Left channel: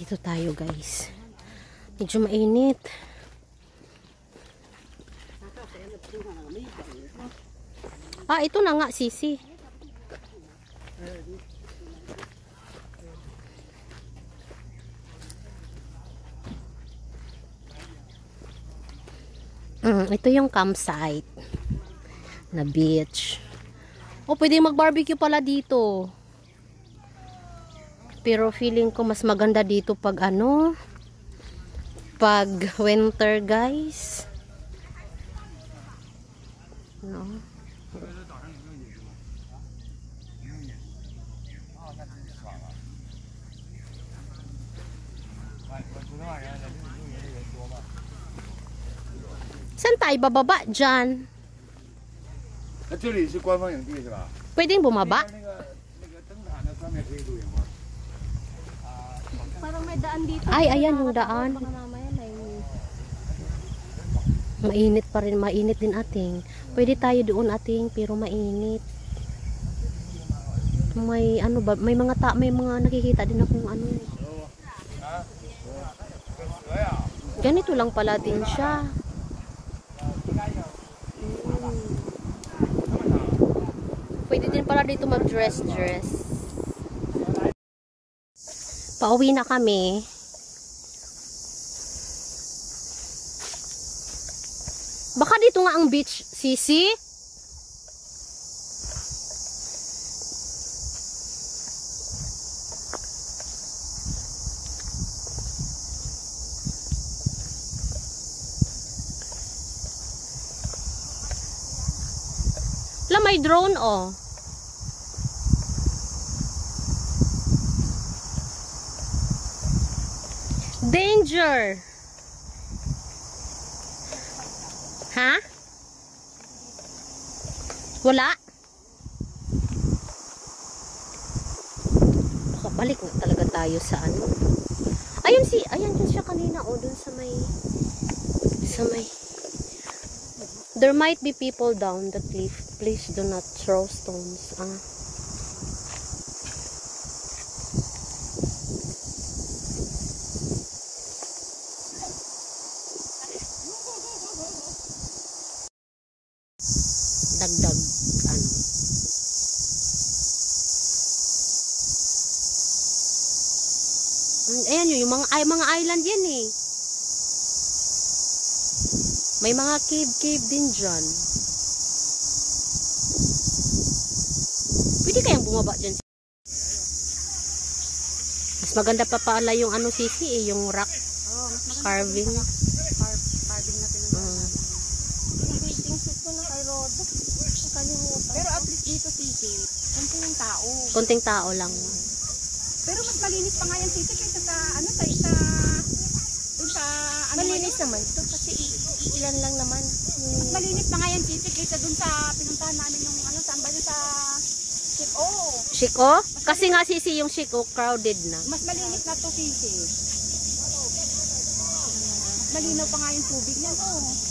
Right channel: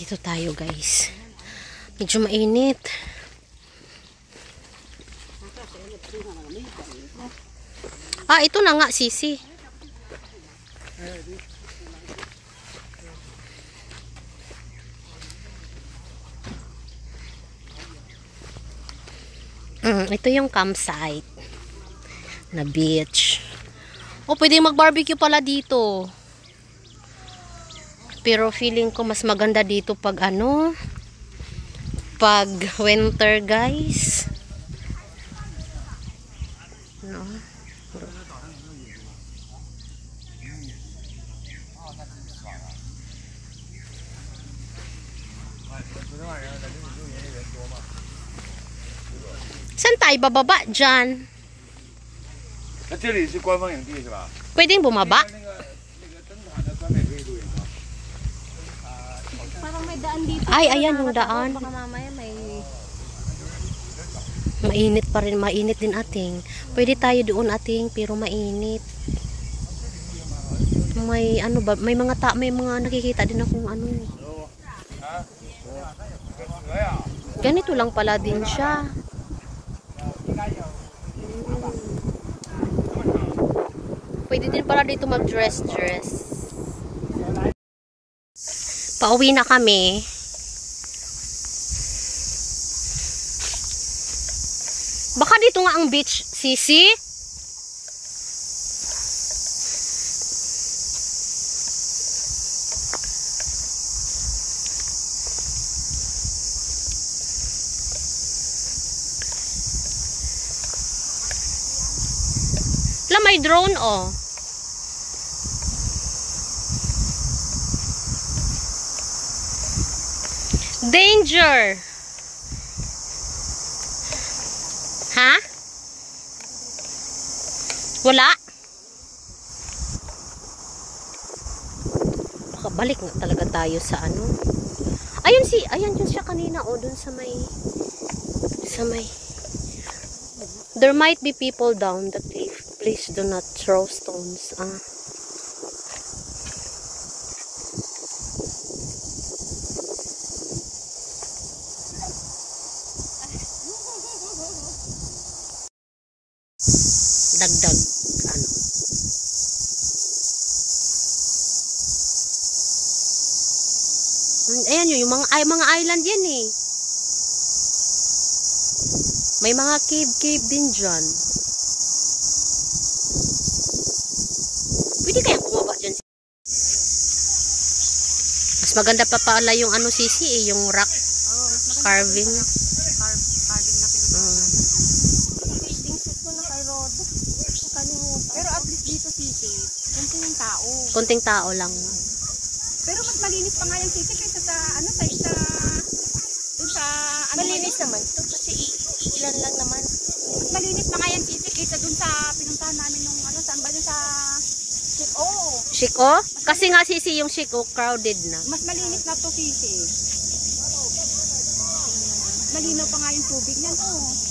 Dito tayo guys. Medyo mainit. Ah, ito na nga sisi. Ito yung campsite na beach. O, pwede mag-barbecue pala dito. Pero feeling ko mas maganda dito pag ano, pag winter guys. No. Saan tayo bababa dyan? Pwedeng bumaba? Parang may daan dito. Ay, ayan yung daan. Baka mamaya may... Mainit pa rin, mainit din ating. Pwede tayo doon ating, pero mainit. May ano ba, may mga nakikita din akong ano. Ganito lang pala din siya. Pwede din pala dito mag-dress. Pauwi na kami. Baka dito nga ang beach, Sisi? May drone oh. Danger. Ha? Wala? Balik na talaga tayo sa ano. Ayan yun siya kanina oh, dun sa may there might be people down the cliff. Please do not throw stones. Dagdag ano. Ayan yun, yung mga island yan eh. May mga cave din dyan. Pwede kayang bumaba dyan. Mas maganda pa pala yung ano sisi eh, yung rock carving. Carving na pinag pero at least dito sisi, konting tao. Konting tao lang. Pero mas malinis pa nga yung sisi kaysa sa ano sa ano malinis naman. Kasi ilan lang naman. Malinis pa nga yung sisi kaysa dun sa pinuntahan namin yung ano sa ambali sa Shiko. Shiko? Kasi nga sisi yung Shiko crowded na. Mas malinis na to sisi. Malinaw pa nga yung tubig niya to.